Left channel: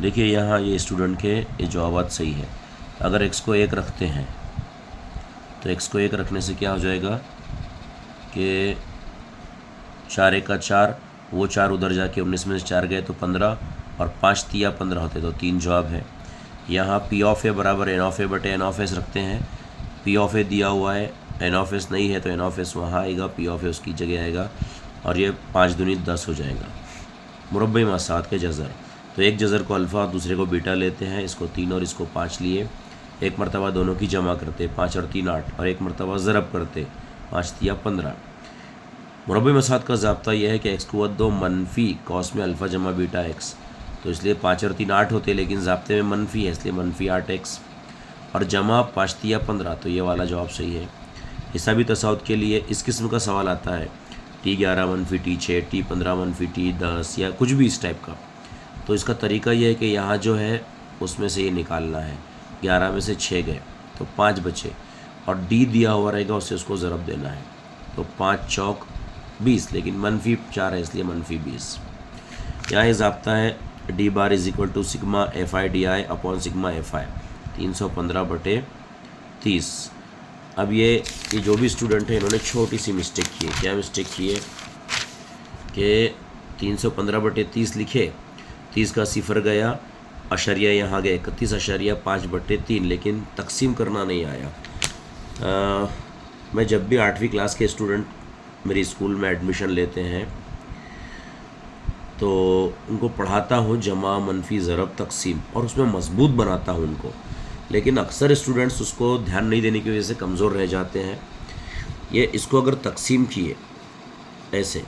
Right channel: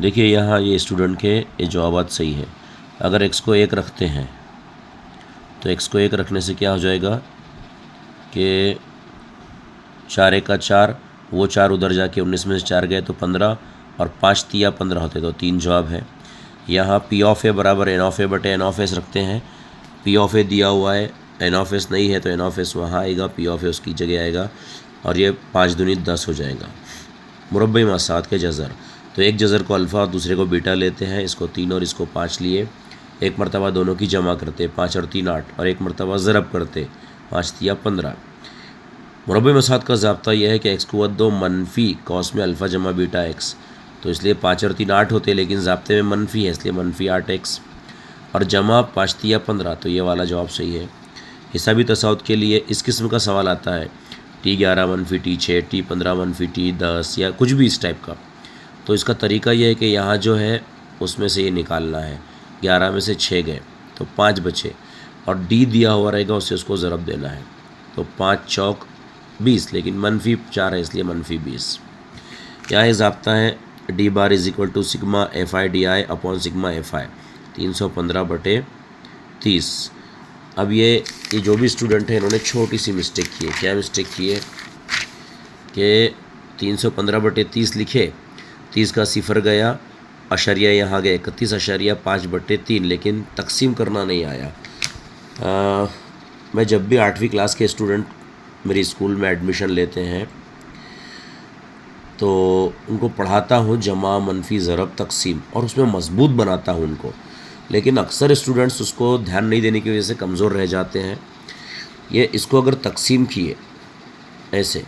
देखिए यहाँ ये स्टूडेंट के ये जवाब सही है। अगर x को 1 रखते हैं तो x को 1 रखने से क्या हो जाएगा कि 4 1 का 4, वो 4 उधर जाके 19 में से 4 गए तो 15, और 5 तिया 15 होते, तो 3 जवाब है। यहाँ पी ऑफ ए बराबर एन ऑफ ए बटे एन ऑफ एस रखते हैं। पी ऑफ ए दिया हुआ है, एन ऑफ एस नहीं है तो एन ऑफ एस वहाँ आएगा, पी ऑफ ए उसकी जगह आएगा, और ये 5 दूनी 10 हो जाएगा। मुरब्बई मासात के जज़र, तो एक जज़र को अल्फ़ा और दूसरे को बीटा लेते हैं, इसको 3 और इसको 5 लिए, एक मरतबा दोनों की जमा करते, 5 और 3 8, और एक मरतबा ज़रब करते, 5 तिया 15। मुरब्बई मासात का ज़ाब्ता यह है कि एक्स कुव्वत 2 मनफी कॉस में अल्फ़ा जमा बीटा एक्स, तो इसलिए 5 और 3 8 होते, लेकिन ज़ाब्ते में मनफी है इसलिए मनफी 8 एक्स, और जमा 5 तिया 15, तो ये वाला जवाब सही है। हिसाबी तसाउत के लिए इस किस्म का सवाल आता है T11 मनफी T6, T15 मनफी T10 या कुछ भी इस टाइप का, तो इसका तरीका यह है कि यहाँ जो है उसमें से ये निकालना है। 11 में से 6 गए तो 5 बचे, और D दिया हुआ रहेगा उससे उसको ज़रब देना है, तो 5 चौक 20, लेकिन मनफी 4 है इसलिए मनफी 20। यहाँ ये ज़ाब्ता है D bar is equal to sigma F I D I upon sigma F I, 315 बटे 30। अब ये जो भी स्टूडेंट है इन्होंने छोटी सी मिस्टेक की है। क्या मिस्टेक की है कि 315 बटे 30 लिखे, 30 का सिफर गया, अशरिया यहाँ गए 31.5 बटे 3, लेकिन तकसीम करना नहीं आया। मैं जब भी 8वीं क्लास के स्टूडेंट मेरी स्कूल में एडमिशन लेते हैं तो उनको पढ़ाता हूँ जमा मनफी ज़रब तकसीम, और उसमें मजबूत बनाता हूँ उनको, लेकिन अक्सर स्टूडेंट्स उसको ध्यान नहीं देने की वजह से कमज़ोर रह जाते हैं। ये इसको अगर तकसीम किए ऐसे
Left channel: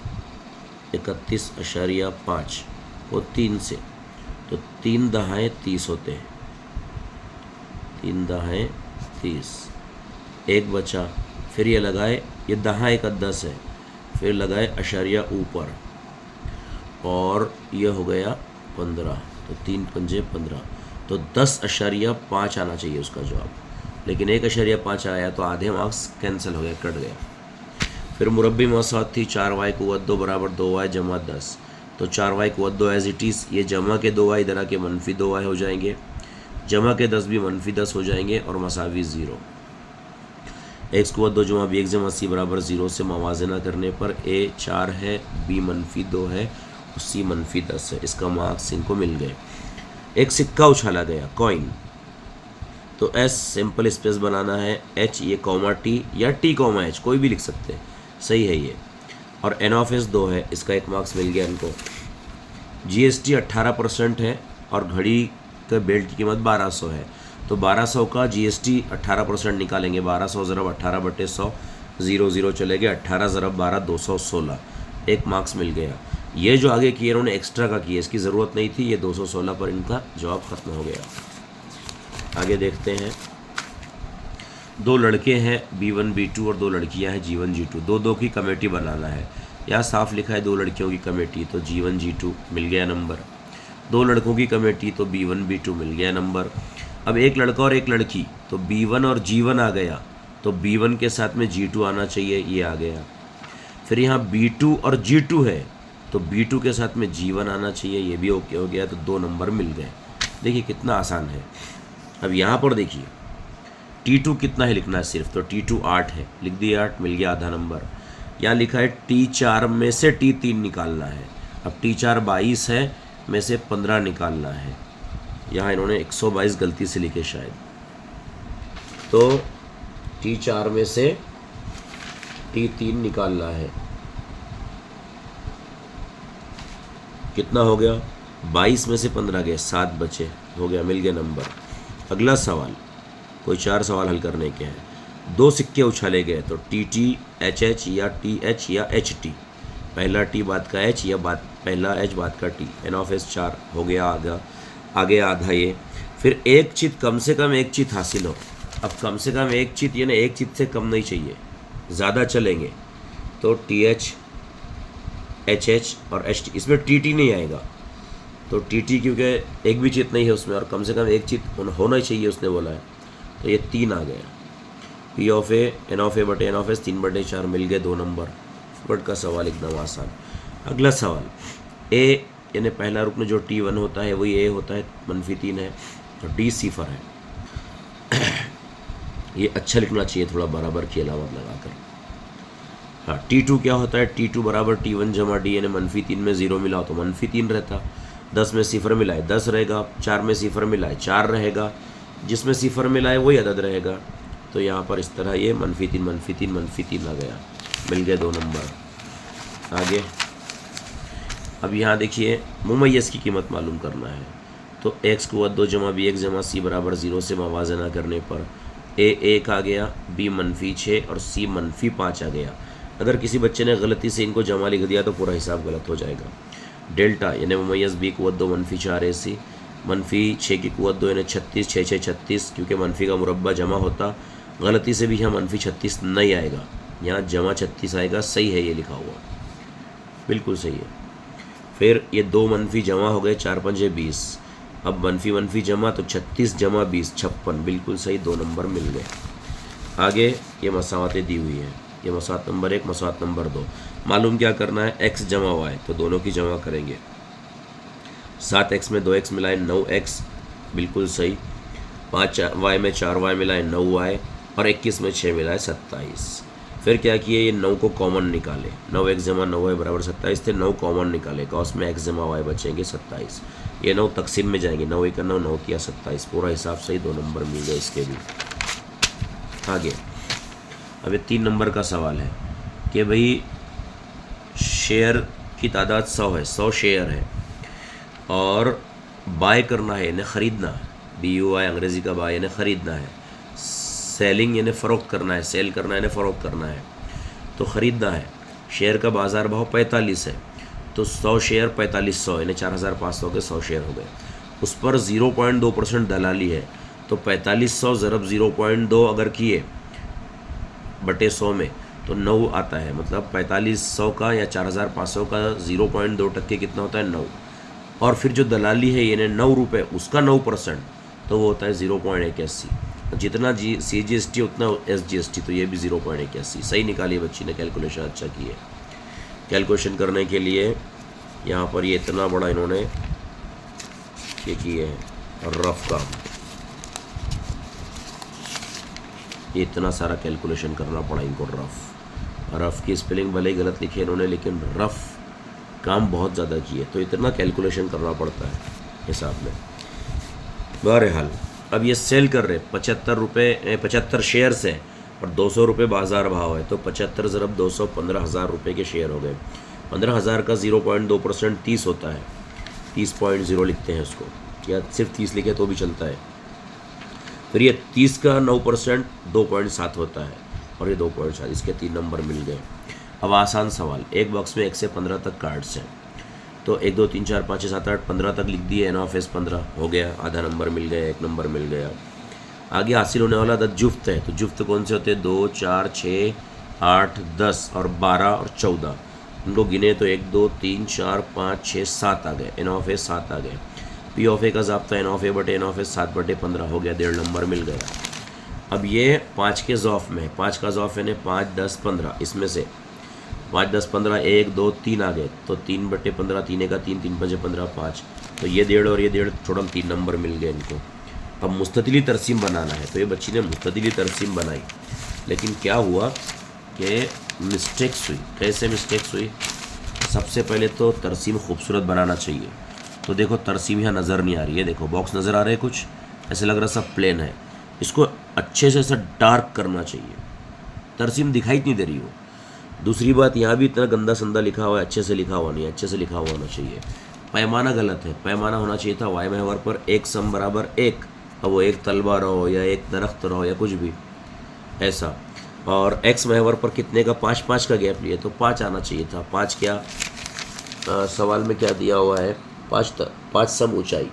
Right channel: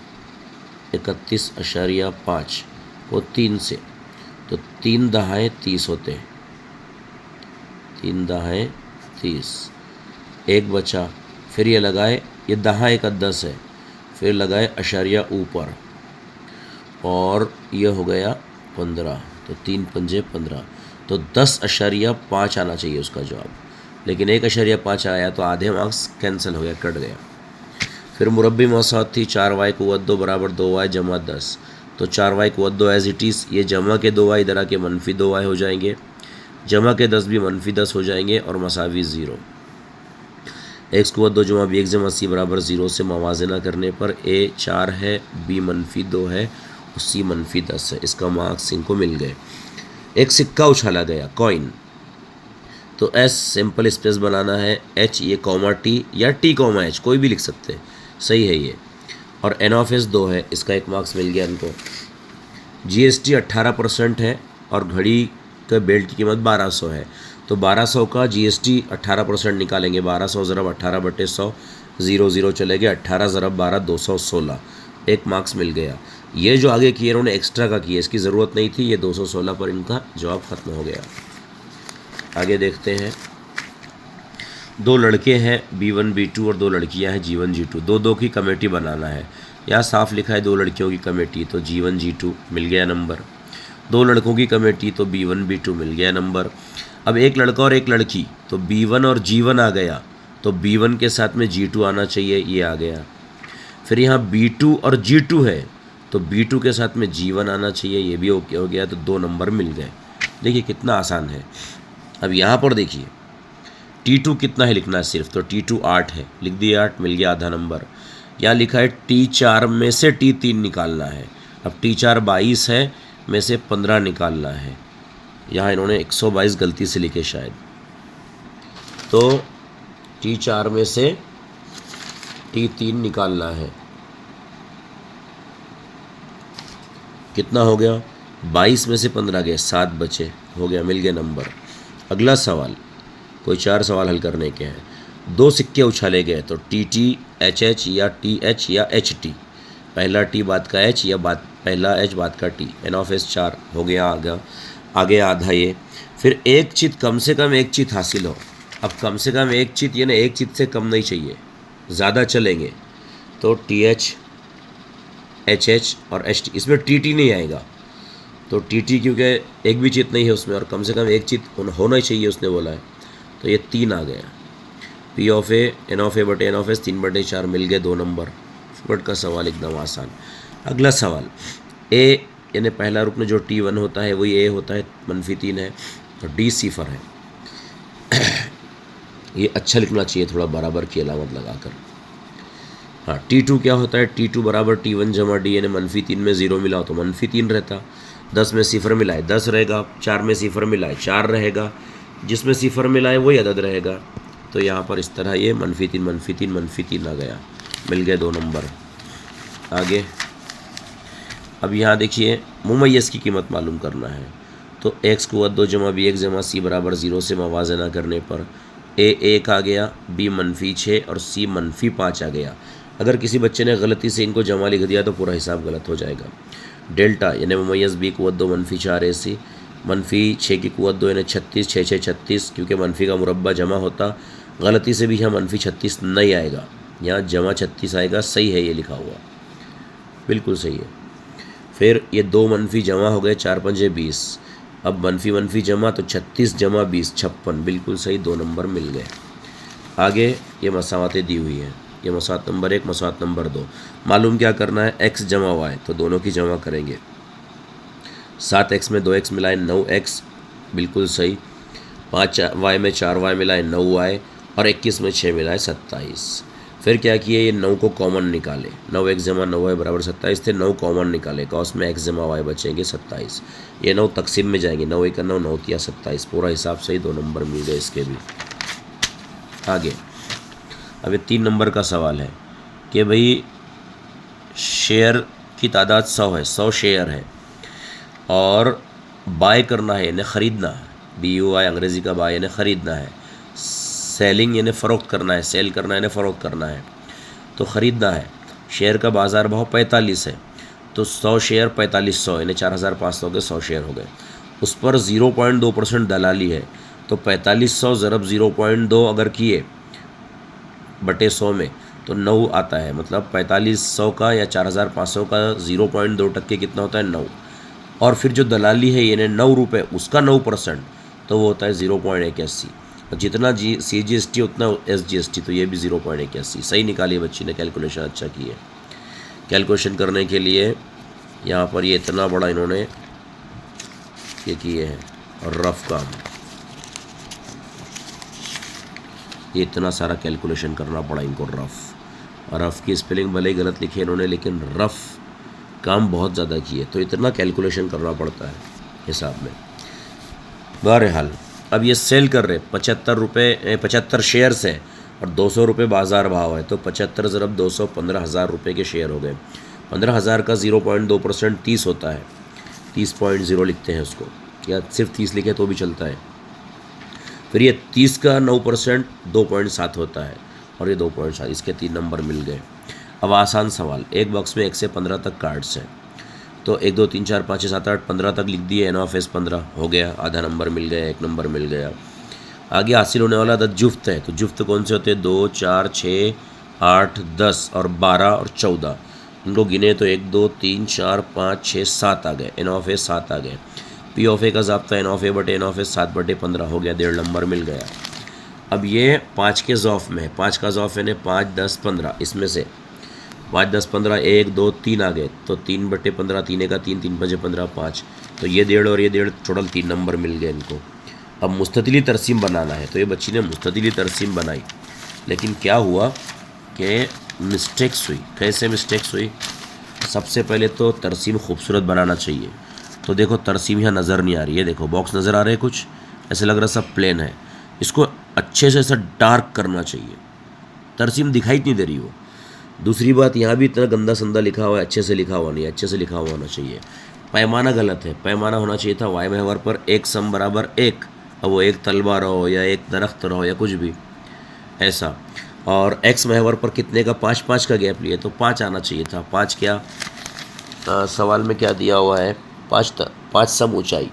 31.5 को 3 से, तो 3 दहाए 30 होते हैं, 3 दहाए 30, एक बचा, फिर ये लगाए, ये दहा एक 10 है, फिर लगाए अशारिया ऊपर, और यह हो गया 15, तो 3 पंजे 15, तो 10.5 आना चाहिए उसका जवाब, लेकिन 1.5 आया तो आधे मार्क्स कैंसिल हो गया, कट गया। फिर मुरब्बी मौसात थी 4y कुव्वत 2 बराबर 2y जमा 10, तो 4y कुव्वत 2 एज इट इज़, ये जमा के 2y इधर आके मनफी 2y हो जाएंगे, जमा के 10 भी मनफी 10 हो जाएंगे, और मसावी 0। एक्स कुव्वत 2 जमा बी एक्स जमा सी बराबर 0 से मवाजना करने पर a 4 है, b मनफी 2 है, सी मनफी 10 है। इसका मार्क्स इनको मिल गए। एक सिक्का उछाला गया, कॉइन, तो एस सिंपल स्पेस बनाना है, एच ये कॉमा टी या टी कॉमा एच कोई भी लिख सकते हैं, सही है ये, और एन ऑफ एस 2 है, इसका एक मार्क्स मिल गया इनको। जीएसटी 18% है, और घड़ी का बेल्ट की कीमत 1200 है, तो 1200 का जीएसटी 18% निकालेंगे, 1200 ज़रब 18 बटे 100, 0 0 चले गए, 18 ज़रब 12 216, एक मार्क्स मिल गया। ये जो आगे किए इन्होंने एक्स्ट्रा का किया, इसकी ज़रूरत नहीं थी, ये 216 पर इनका जवाब ख़त्म हो गया। आगे देखते हैं, 2 लड़के हैं B1 B2 और 2 लड़कियां हैं G1 G2, दो की कमेटी बनाना है। यहाँ साफ लिखा है 2 लड़कियों की कमेटी, तो G1 G2 मिल गया नंबर, 2 लड़कों की कमेटी तो B1 B2 मिल गया नंबर। अब एक लड़का और एक लड़की, तो B1 और G1 आ गया, तो B1 के साथ में G2 आना चाहिए, ये आ गया। फिर यहाँ B2 और G2 है, तो B2 के साथ में G1 आना चाहिए, ये भी ओके हो गया, तो 2 नंबर मिल गए। देखिए कितना आसान है। अब यहाँ पर देखिए T2 कितना है लिखना है सिर्फ, तो T2 8 है, लिख दिया 8, मिल गया आधा नंबर। यहाँ लिखा है T4 में से T3 निकालना है, अब T4 22 है, में से 15 निकालना है। यहाँ इन्होंने 122 गलती से लिखे शायद, तो T4 में से T3 निकालना है, कितना हो गया, 22 में से 15 गए, 7 बचे, हो गया, मिल गया नंबर। अगला सवाल, कोई 4 सवाल हल करने के हैं। 2 सिक्के उछाले गए, तो TT HH या TH या HT, पहला T बाद का H या पहला H बाद का T, एन ऑफ एस 4 हो गया, आगे आधा ये। फिर एक चित, कम से कम एक चित हासिल हो। अब कम से कम एक चित, ये ना एक चित से कम नहीं चाहिए, ज़्यादा चलेंगे, तो TH HH और HT, इसमें TT नहीं आएगा, तो TT क्योंकि एक भी चित नहीं है उसमें, और कम से कम एक चित होना ही चाहिए उसने बोला है, तो ये 3 आ गया। P of A N of A बटे एन ऑफ एस 3 बटे 4 मिल गए, 2 नंबर। फुकट का सवाल एकदम आसान। अगला सवाल, A यानी पहला रुकन जो T1 होता है वही A होता है, -3 है, तो D सिफर है। ये अच्छा लिखना चाहिए थोड़ा बराबर की अलामत लगाकर। हाँ, T2 क्या होता है, T2 बराबर T1 जमा D, यानी -3 में 0 मिला हो तो -3 रहता, 10 में सिफर मिला है 10 रहेगा, 4 में सिफर मिला है 4 रहेगा, जिसमें सिफर मिला है वही अदद रहेगा। तो यहाँ पर इस तरह ये -3 आ गया, मिल गए 2 नंबर। आगे अब यहाँ देखिए मुमय्यज़ की कीमत मालूम करना है, तो x को 2 जमा b1 जमा c बराबर 0 से मवाजना करने पर a 1 आ गया, b -6 और c -5 आ गया। अगर किसी बच्चे ने गलती से इनको जमा लिख दिया तो पूरा हिसाब गलत हो जाएगा। डेल्टा यानी मुमय्यज़ b को 2 -4 ac, -6 की कुव्वत 2 यानी 36, 6 6 36, क्योंकि मनफी का मुरब्बा जमा होता, गलती से भी यहाँ -36 नहीं आएगा, यहाँ जमा 36 आएगा। सही है ये लिखा हुआ, बिल्कुल सही है। फिर ये 2 मनफी जमा हो गए, 4 पंजे 20, अब मनफी जमा तो 36 जमा 20 56, बिल्कुल सही, 2 नंबर मिल गए। आगे ये मसावतें दी हुई हैं, ये मसावत नंबर 1 मसावत नंबर 2, मालूम क्या करना है, x जमा y, तो दोनों की जमा करेंगे। 7x में 2x मिला है 9x, बिल्कुल सही। 5y में 4y मिला है 9y, और 21 में 6 मिला है 27। फिर क्या किए, ये 9 को कॉमन निकाले, 9x जमा 9y बराबर 27 थे, 9 कॉमन निकाले, तो उसमें x जमा y बचेंगे 27। ये 9 तकसीम में जाएंगे, 9 1 9 9 तिया 27, पूरा हिसाब से ही 2 नंबर मिल गए इसके भी। आगे अब ये 3 नंबर का सवाल है कि भाई शेयर की तादाद 100 है, 100 शेयर है और बाय करना है यानी ख़रीदना, BUY अंग्रेज़ी का बाय यानी ख़रीदना है, सेलिंग यानी फ़रोख्त करना है, सेल करना है यानी फ़रोख्त करना है, तो ख़रीदना है। शेयर का बाज़ार भाव 45 है, तो 100 शेयर 4500 यानी 4500 के 100 शेयर हो गए। उस पर 0.2% दलाली है, तो 4500 ज़रब 0.2 अगर किए बटे 100 में तो 9 आता है, मतलब 4500 का या 4500 का 0.2% कितना होता है, 9। और फिर जो दलाली है यानी 9 रुपये, उसका 9%, तो वो होता है 0.81, और जितना CGST उतना SGST, तो ये भी 0.81। सही निकाली बच्ची ने, कैलकुलेशन अच्छा की है। कैलकुलेशन करने के लिए यहाँ पर ये इतना बड़ा इन्होंने ये किए हैं, रफ का ये इतना सारा कैलकुलेशन करना पड़ा इनको। रफ़ की स्पेलिंग भले ही गलत लिखी है इन्होंने, लेकिन रफ़ काम बहुत ज़्यादा किए, तो इतना कैलकुलेशन करना पड़ता है हिसाब में। बहरहाल अब ये सेल कर रहे 75 रुपये, 75 शेयर्स है और 200 रुपये बाज़ार भाव है, तो 75 ज़रब 200 15,000 रुपये के शेयर हो गए। 15,000 का 0.2% 30 होता है, 30.0 लिखते हैं उसको, या सिर्फ 30 लिखे तो भी चलता है। फिर ये 30 का 9% 2.7 होता है, और ये 2.7, इसके 3 नंबर मिल गए। अब आसान सवाल, एक बॉक्स में 1 से 15 तक कार्ड्स हैं, तो 1 2 3 4 5 6 7 8 15 तक लिख दिए, NOFS 15 हो गया, आधा नंबर मिल गया, 1 नंबर मिल गया। आगे हासिल होने वाला अदद जुफ्त है, तो जुफ्त कौन से होते हैं, 2 4 6 8 10 और 12 और 14, इनको गिने तो 1 2 3 4 5 6 7 आ गए, NOFS 7 आ गए। POF का ज़ाब्ता NOFA बटे NOFS 7 बटे 15 हो गया, 1.5 नंबर मिल गया। अब ये 5 के ज़ौफ़ में है, 5 का ज़ौफ़ यानी 5 10 15, इसमें से 5 10 15 1 2 3 आ गए, तो 3 बटे 15, 3 का 3 3 5 15 5, तो ये 1.5 और ये 1.5 टोटल 3 नंबर मिल गए इनको। अब मुस्ततिली तरसीम बनाना है, तो ये बच्ची ने मुस्ततिली तरसीम बनाई, लेकिन क्या हुआ कि मिस्टेक्स हुई। कैसे मिस्टेक्स हुई, सबसे पहले तो तरसीम खूबसूरत बनाना चाहिए, तो देखो तरसीम यहाँ नज़र नहीं आ रही है, देखो बॉक्स नज़र आ रहे हैं कुछ, ऐसे लग रहा है सब प्लेन है, इसको अच्छे से ऐसा डार्क करना चाहिए, तरसीम दिखाई नहीं दे रही हो। दूसरी बात, यहाँ भी इतना गंदा संदा लिखा हुआ है, अच्छे से लिखा हुआ नहीं है, अच्छे से लिखा हुआ होना चाहिए। पैमाना गलत है, पैमाना होना चाहिए था y महवर पर 1 सम बराबर 1, अब वो 1 तलबा रहो या 1 दरख्त रहो या कुछ भी ऐसा, और x महवर पर कितने का 5 5 का गैप लिए, तो 5 आना चाहिए था। 5 क्या सवाल में क्या दिया हुआ है, 5 सम ऊंचाई,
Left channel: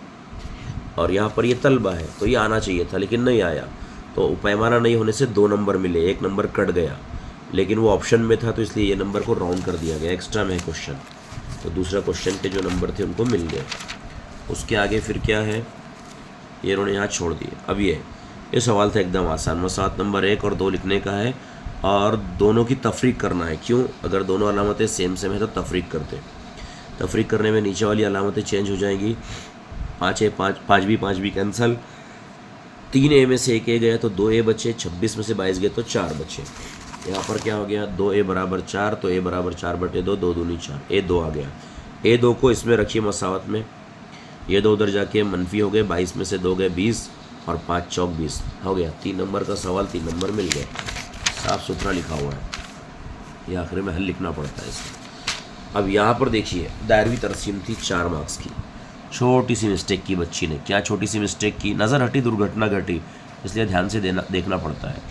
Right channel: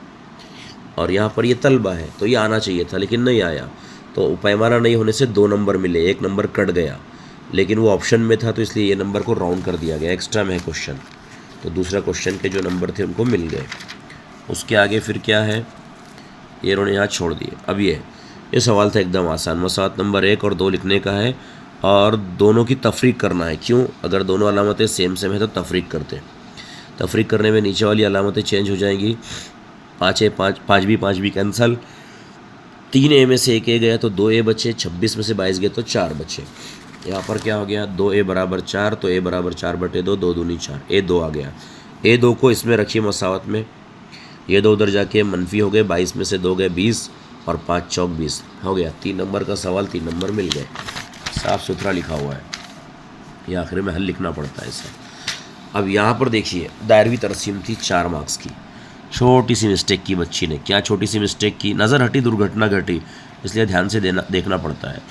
और यहाँ पर ये तलबा है, तो ये आना चाहिए था लेकिन नहीं आया, तो पैमाना नहीं होने से 2 नंबर मिले, 1 नंबर कट गया, लेकिन वो ऑप्शन में था तो इसलिए ये नंबर को राउंड कर दिया गया, एक्स्ट्रा में है क्वेश्चन, तो दूसरा क्वेश्चन के जो नंबर थे उनको मिल गए। उसके आगे फिर क्या है, ये इन्होंने यहाँ छोड़ दिए। अब ये सवाल था एकदम आसान, मसावत नंबर 1 और 2 लिखने का है और दोनों की तफरीक करना है। क्यों, अगर दोनों अलामतें सेम सेम है तो तफरीक करते हैं। तफरीक करने में नीचे वाली अलामतें चेंज हो जाएंगी। 5 ए 5, 5 भी कैंसल, 3 ए में से 1 ए गया तो 2 ए बचे, 26 में से 22 गए तो 4 बचे। यहाँ पर क्या हो गया, 2 ए बराबर 4, तो ए बराबर 4/2, 2 दूनी 4, ए 2 आ गया। ए 2 को इसमें रखिए मसावत में, ये 2 उधर जाके मनफी हो गए, 22 में से 2 गए 20 और 5 चौक 20 हो गया। 3 नंबर का सवाल 3 नंबर मिल गए, साफ सुथरा लिखा हुआ है, ये आखिर में हल लिखना पड़ता है इसे। अब यहाँ पर देखिए दायरवी तरसीम थी 4 मार्क्स की, छोटी सी मिस्टेक की बच्ची ने। क्या छोटी सी मिस्टेक की, नज़र हटी दुर्घटना घटी, इसलिए ध्यान से देखना पड़ता है।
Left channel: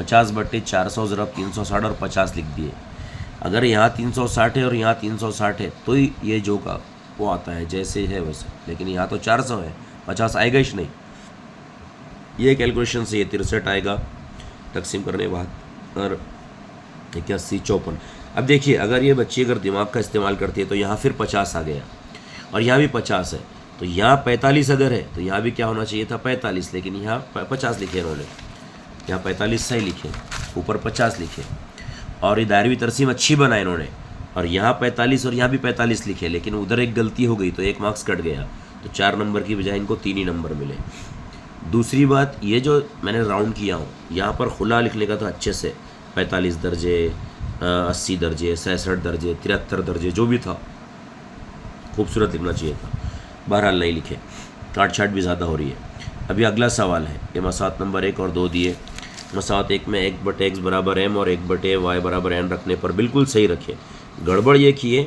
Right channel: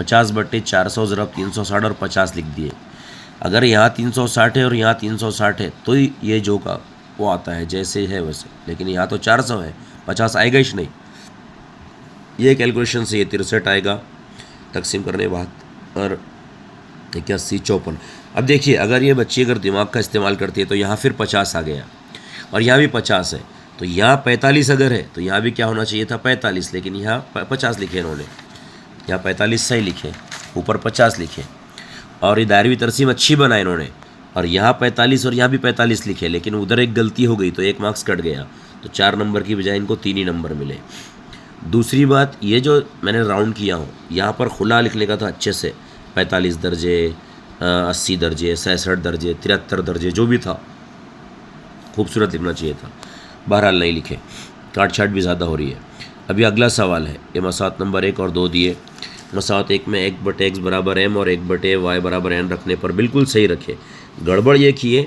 50/400 ज़रब 360 और 50 लिख दिए। अगर यहाँ 360 है और यहाँ 360 है तो ये जो का वो आता है जैसे है वैसे, लेकिन यहाँ तो 400 है, 50 आएगा ही नहीं। ये कैलकुलेशन से ये 63 आएगा तकसीम करने के बाद, और 81 54। अब देखिए अगर ये बच्ची अगर दिमाग का इस्तेमाल करती है तो यहाँ फिर 50 आ गया, और यहाँ भी 50 है, तो यहाँ 45 अगर है तो यहाँ भी क्या होना चाहिए था 45, लेकिन यहाँ 50 लिखे इन्होंने, यहाँ 45 सही लिखे, ऊपर 50 लिखे। और ये दायरवी तरसीम अच्छी बनाए इन्होंने, और यहाँ 45 और यहाँ भी 45 लिखे, लेकिन उधर एक गलती हो गई तो 1 मार्क्स कट गया, तो 4 नंबर की बजाय इनको 3 ही नंबर मिले। दूसरी बात, ये जो मैंने राउंड किया हूँ यहाँ पर खुला लिखने का था अच्छे से, 45 दर्जे, 80 दर्जे, 66 दर्जे, 73 दर्जे, जो भी था खूबसूरत लिखना चाहिए था, बहरहाल नहीं लिखे, काट छाट भी ज़्यादा हो रही है। अभी अगला सवाल है, ये मसात नंबर 1 और 2 दिए। मसात 1 में 1/x बराबर m और 1/y बराबर n रखने पर बिल्कुल सही रखे। गड़बड़ ये किए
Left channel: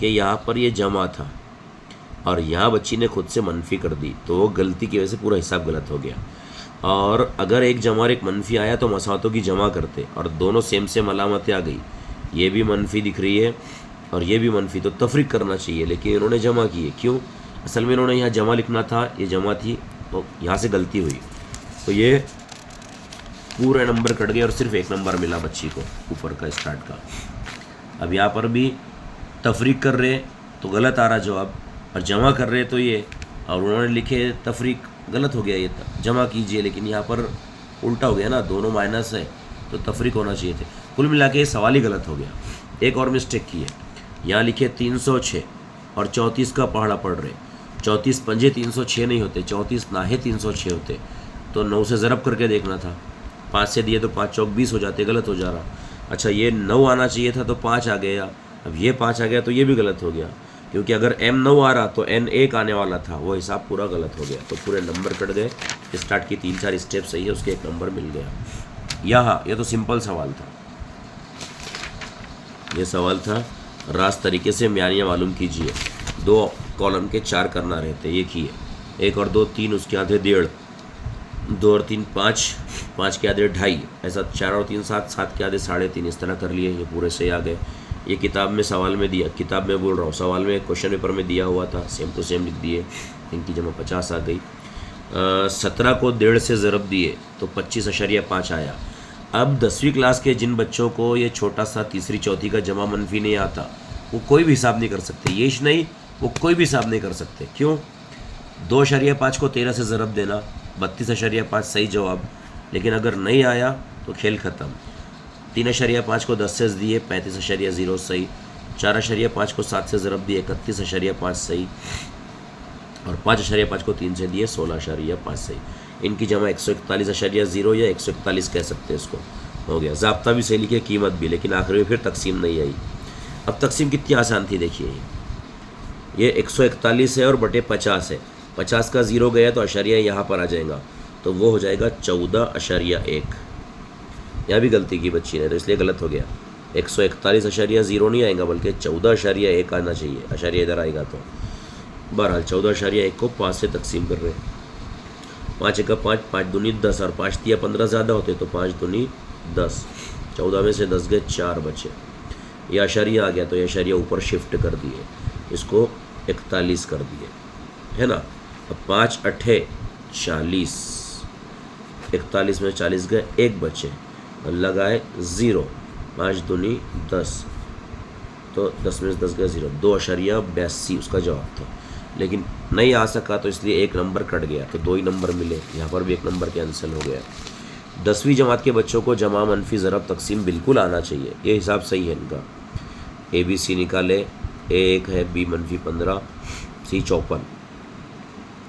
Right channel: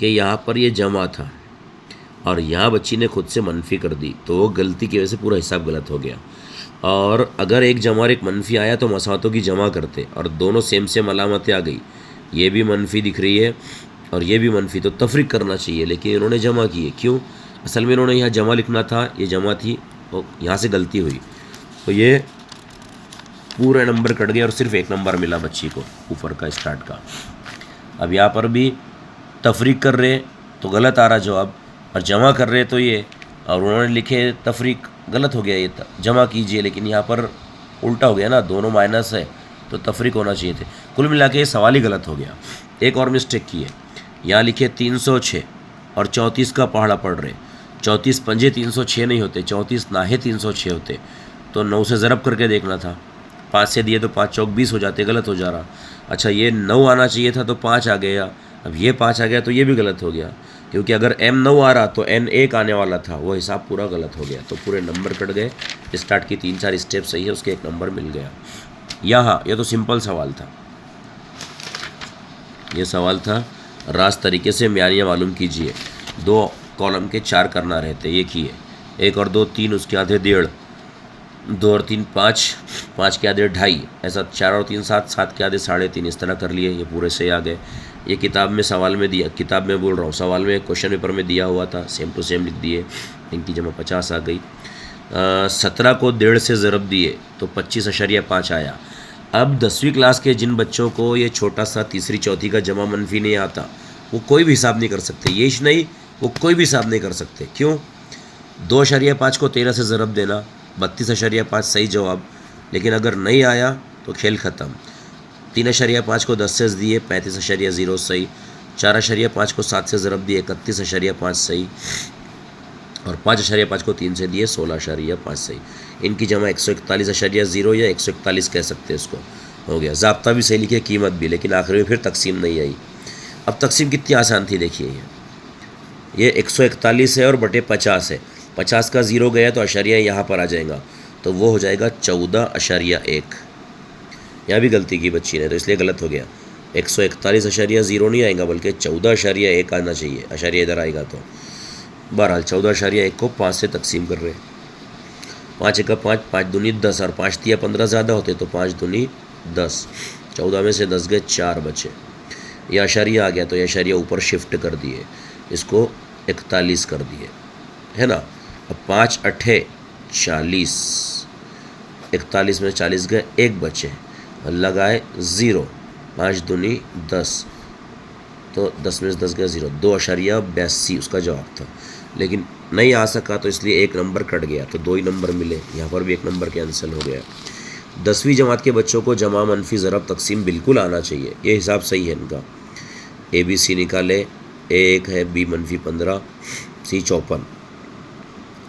कि यहाँ पर ये जमा था और यहाँ बच्ची ने खुद से मनफी कर दी, तो वो गलती की वजह से पूरा हिसाब गलत हो गया। और अगर एक जमा और एक मनफी आया तो मसातों की जमा करते, और दोनों सेम अलामतें आ गई, ये भी मनफी दिख रही है और ये भी मनफी, तो तफरीक करना चाहिए, लेकिन इन्होंने जमा किए। क्यों? असल में इन्होंने यहाँ जमा लिखना था, ये जमा थी, तो यहाँ से गलती हुई, तो ये पूरे नंबर कट गए और सिर्फ 1 नंबर मिला बच्ची को ऊपर का स्टार्ट का। अब यहाँ पर भी तफरीक कर रहे तो गलत आ रहा जवाब, और जमा कर रहे तो ये, और उन्होंने लिखे तफरीक, गलत हो गया, ये जमा कीजिए, लेकिन यहाँ पर उल्टा हो गया ना, दोनों माइनस है तो तफरीक होना चाहिए थे। कुल मिला के सवाल ही गलत हो गया। एक और मिस्टेक की है, यहाँ लिखे 306 और 34 का पहाड़ा पढ़ रहे, 34 पंजे 306 नहीं होते, 34 नाहे 306 होते, तो 9 से ज़रब करके देखना था, 5 से दिए तो 5 चौक 20 हो जाते, गलत हो जा रहा। अच्छा ये 9 आना चाहिए था तो 5 आ गया, अब ये 5 आ गया तो ये भी गलत हो गया, क्योंकि अगर m 9 आ रहा तो n 1 आने वाला था, वो हिसाब पूरा गलत हो गया, तो पूरे नंबर कट गए। स्टार्ट की 3-4 स्टेप सही है, उसके 1 नंबर मिल गया। यहाँ ये तो सिंपल सवाल था, ये सवाल था रास्त तरीके से म्यारियाँ मालूम कीजिए। 2 कॉलम के 4 करना रहते, ये किए, 1 और 2 3, उसके आधे 1.5, 2 और 3 5, 5 के आधे 2.5, ऐसा 4 और 3 7, 7 के आधे 3.5, इस तरह कर लिए, ये पूरे सही आ गए। ये किताब में सवाल में दिया, किताब में बोल रहा हूँ, सवाल में क्वेश्चन पेपर में दिया हुआ था, सेम टू सेम लिख दिए, इनकी जमा 50 आ गई। 17 को 1.5 से ज़रब दिए तो 25.5 आया। अब 10वीं क्लास के जिन बच्चों को ये छोटा सा तीसरी चौथी का जमा मनफी नहीं आता, वो कोई भी हिसाब नहीं कर सकते, ये नहीं, वो कोई भी हिसाब नहीं कर सकते। क्यों? 2.5 को 13 से ज़रब देना, 32.5 सही जवाब, लेकिन अगर नहीं आया तो खेल ख़त्म। 3.5 को 10 से दिए, 35.0 सही। 4.5 को 7 से ज़रब दिए, 31.5 सही, और 5.5 को 3 से दिए, 16.5 सही। इनकी जमा 141.0 या 141 कह सकते हैं, इसको हो गया। ज़ाब्ता भी सही लिखे, कीमत भी, लेकिन आखिर में फिर तकसीम नहीं आई। अब तकसीम कितनी आसान थी देखिए, ये 141 है और बटे 50 है, 50 का 0 गया तो अशरिया यहाँ पर आ जाएगा, तो वो हो जाएगा 14.1। यहाँ भी गलती की बच्ची ने, तो इसलिए गलत हो गया। 141.0 नहीं आएगा, बल्कि 14.1 आना चाहिए, अशरिया इधर आएगा तो। बहरहाल 14.1 को 5 से तकसीम कर रहे हैं, 5 1 5, 5 दूनी 10, और 5 तिया 15 ज़्यादा होते तो 5 दूनी 10, 14 में से 10 गए, 4 बचे। यह अशरिया आ गया तो यह अशरिया ऊपर शिफ्ट कर दिए, इसको 41 कर दिए, है ना। अब 5 8 40, 41 में 40 गए, 1 बचे, और लगाए 0, 5 दूनी 10, तो 10 में से 10 गए 0, 2.82 उसका जवाब था, लेकिन नहीं आ सका तो इसलिए 1 नंबर कट गया, तो 2 ही नंबर मिले, यहाँ पर भी 1 नंबर कैंसिल हो गया। 10वीं जमात के बच्चों को जमा मनफी ज़रब तकसीम बिल्कुल आना चाहिए, ये हिसाब सही है इनका। ABC निकाले, एक है बी -15, सी 54,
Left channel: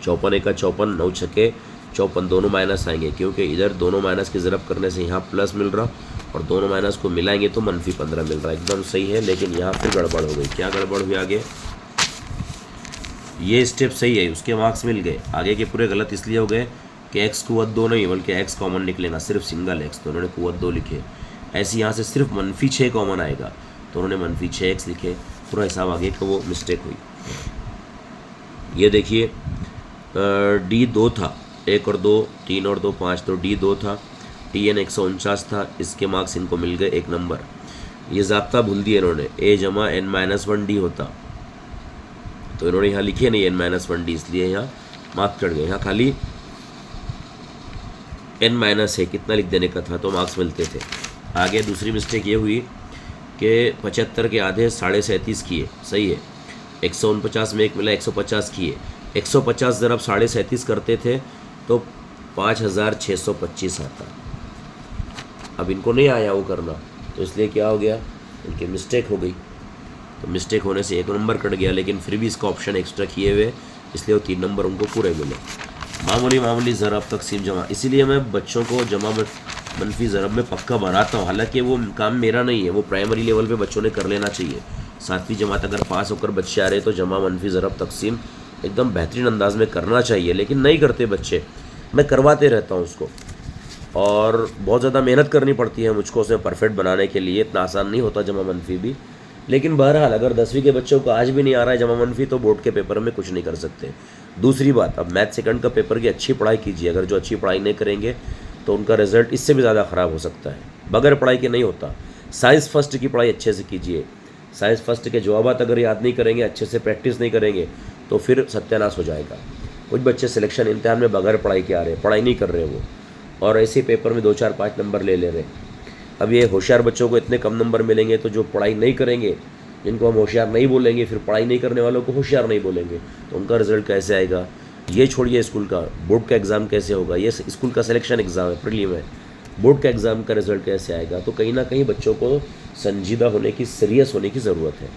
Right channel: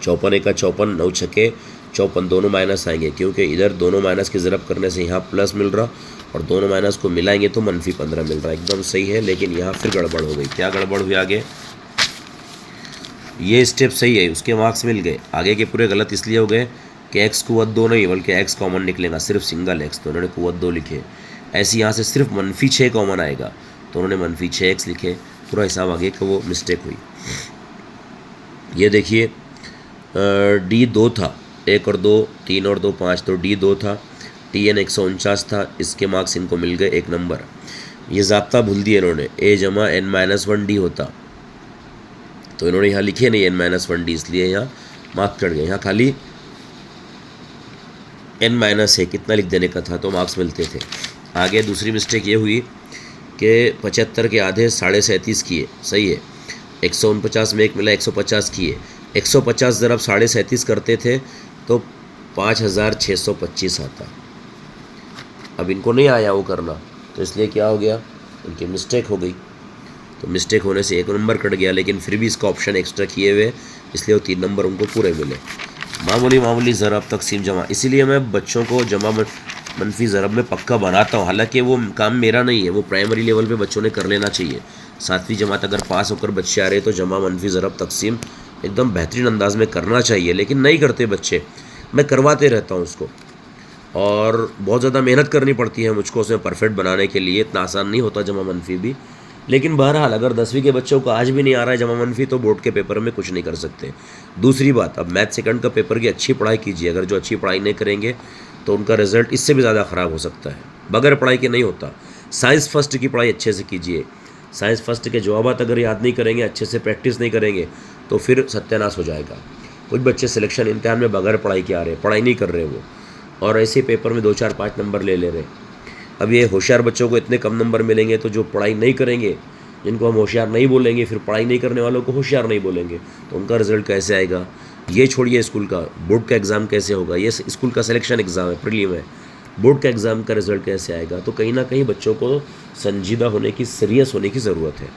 54 एक का 54, 9 छके 54, दोनों माइनस आएंगे क्योंकि इधर दोनों माइनस की ज़रब करने से यहाँ प्लस मिल रहा और दोनों माइनस को मिलाएंगे तो -15 मिल रहा। एकदम सही है, लेकिन यहाँ फिर गड़बड़ हो गई। क्या गड़बड़ हुई आगे? ये स्टेप सही है, उसके मार्क्स मिल गए, आगे के पूरे गलत इसलिए हो गए कि एक्स कुवत 2 नहीं बल्कि एक्स कॉमन निकलेगा, सिर्फ सिंगल एक्स, तो उन्होंने कुवत 2 लिखे। ऐसे यहाँ से सिर्फ -6 कॉमन आएगा तो उन्होंने -6x लिखे। पूरा हिसाब आगे कि वो मिस्टेक हुई। ये देखिए D2 था, 1 और 2, 3 और 2 5, तो D2 था। TN 149 था, इसके मार्क्स इनको मिल गए 1 नंबर। ये ज़ाब्ता भूल दिए इन्होंने, A जमा n-1D होता, तो इन्होंने यहाँ लिखे नहीं n-1D, इसलिए यहाँ मार्क्स चढ़ गए। यहाँ खाली n- है कितना लिख देने का था तो मार्क्स मिलते थे। आगे दूसरी मिस्टेक ये हुई कि 75 के आधे 37.5 किए, सही है। 149 में 1 मिला, 150 किए। 150 जब आप 37.5 करते थे तो 5625 आता। अब इनको नहीं आया वो करना, तो इसलिए क्या हो गया, इनकी मिस्टेक हो गई। तो मिस्टेक होने से 1 नंबर कट गया, लेकिन फिर भी इसका ऑप्शन एक्स्ट्रा किए हुए, इसलिए वो 3 नंबर उनको पूरे मिले। मामूली ज़रब तकसीम जमा, इसीलिए मैं बच्चों को जमा मनफी ज़रब में पक्का बनाता हूँ। हालांकि वो काम मेरा नहीं है, वो प्राइमरी लेवल पे बच्चों ने कर लेना चाहिए। 7वीं जमात अगर पास होकर बच्चे आ रहे तो जमा मनफी ज़रब तकसीम एकदम बेहतरीन अंदाज में करना चाहिए, लेकिन नहीं करते बच्चे। मैं करवाते रहता हूँ उसको, और बहुत ज़्यादा मेहनत करनी पड़ती है मुझको उसे परफेक्ट बनाने के लिए। इतना आसान नहीं होता जमा मनफी भी, लेकिन बहरहाल अगर 10वीं के बच्चों को आज भी नहीं आ रहा है जमा मनफी तो बोर्ड के पेपर में कुछ नहीं कर सकते। दूसरी बात, अब मैथ सेकंड का पेपर की अच्छी पढ़ाई कीजिए। अगर जो अच्छी पढ़ाई नहीं करेंगे तो उनका रिजल्ट इससे भी ज़्यादा ख़राब हो सकता है। बगैर पढ़ाई के नहीं होता। साइंस फर्स्ट की पढ़ाई अच्छे से कीजिए। साइंस फर्स्ट के जवाबात अगर याद नहीं करेंगे, अच्छे से प्रैक्टिस नहीं करेंगे तो फिर सत्यानाश हो जाएगा। कुछ बच्चे सिलेक्शन इम्तिहान में बगैर पढ़ाई के आ रहे हैं, पढ़ाई नहीं कर रहे वो, और ऐसे पेपर में 2 4 5 नंबर ले रहे। अब ये होशियार बच्चों को इतने कम नंबर मिलेंगे तो जो पढ़ाई नहीं करेंगे, जिनको हम होशियार नहीं बोलेंगे, फिर पढ़ाई नहीं करने वालों को होशियार नहीं बोलेंगे, तो उनका रिजल्ट कैसे आएगा? ये छोड़िए स्कूल का, बोर्ड का एग्ज़ाम कैसे होगा? ये स्कूल का सिलेक्शन एग्ज़ाम है, प्रीलिम है। बोर्ड का एग्ज़ाम का रिजल्ट कैसे आएगा? तो कहीं ना कहीं बच्चों को संजीदा होने की, सीरियस होने की ज़रूरत है।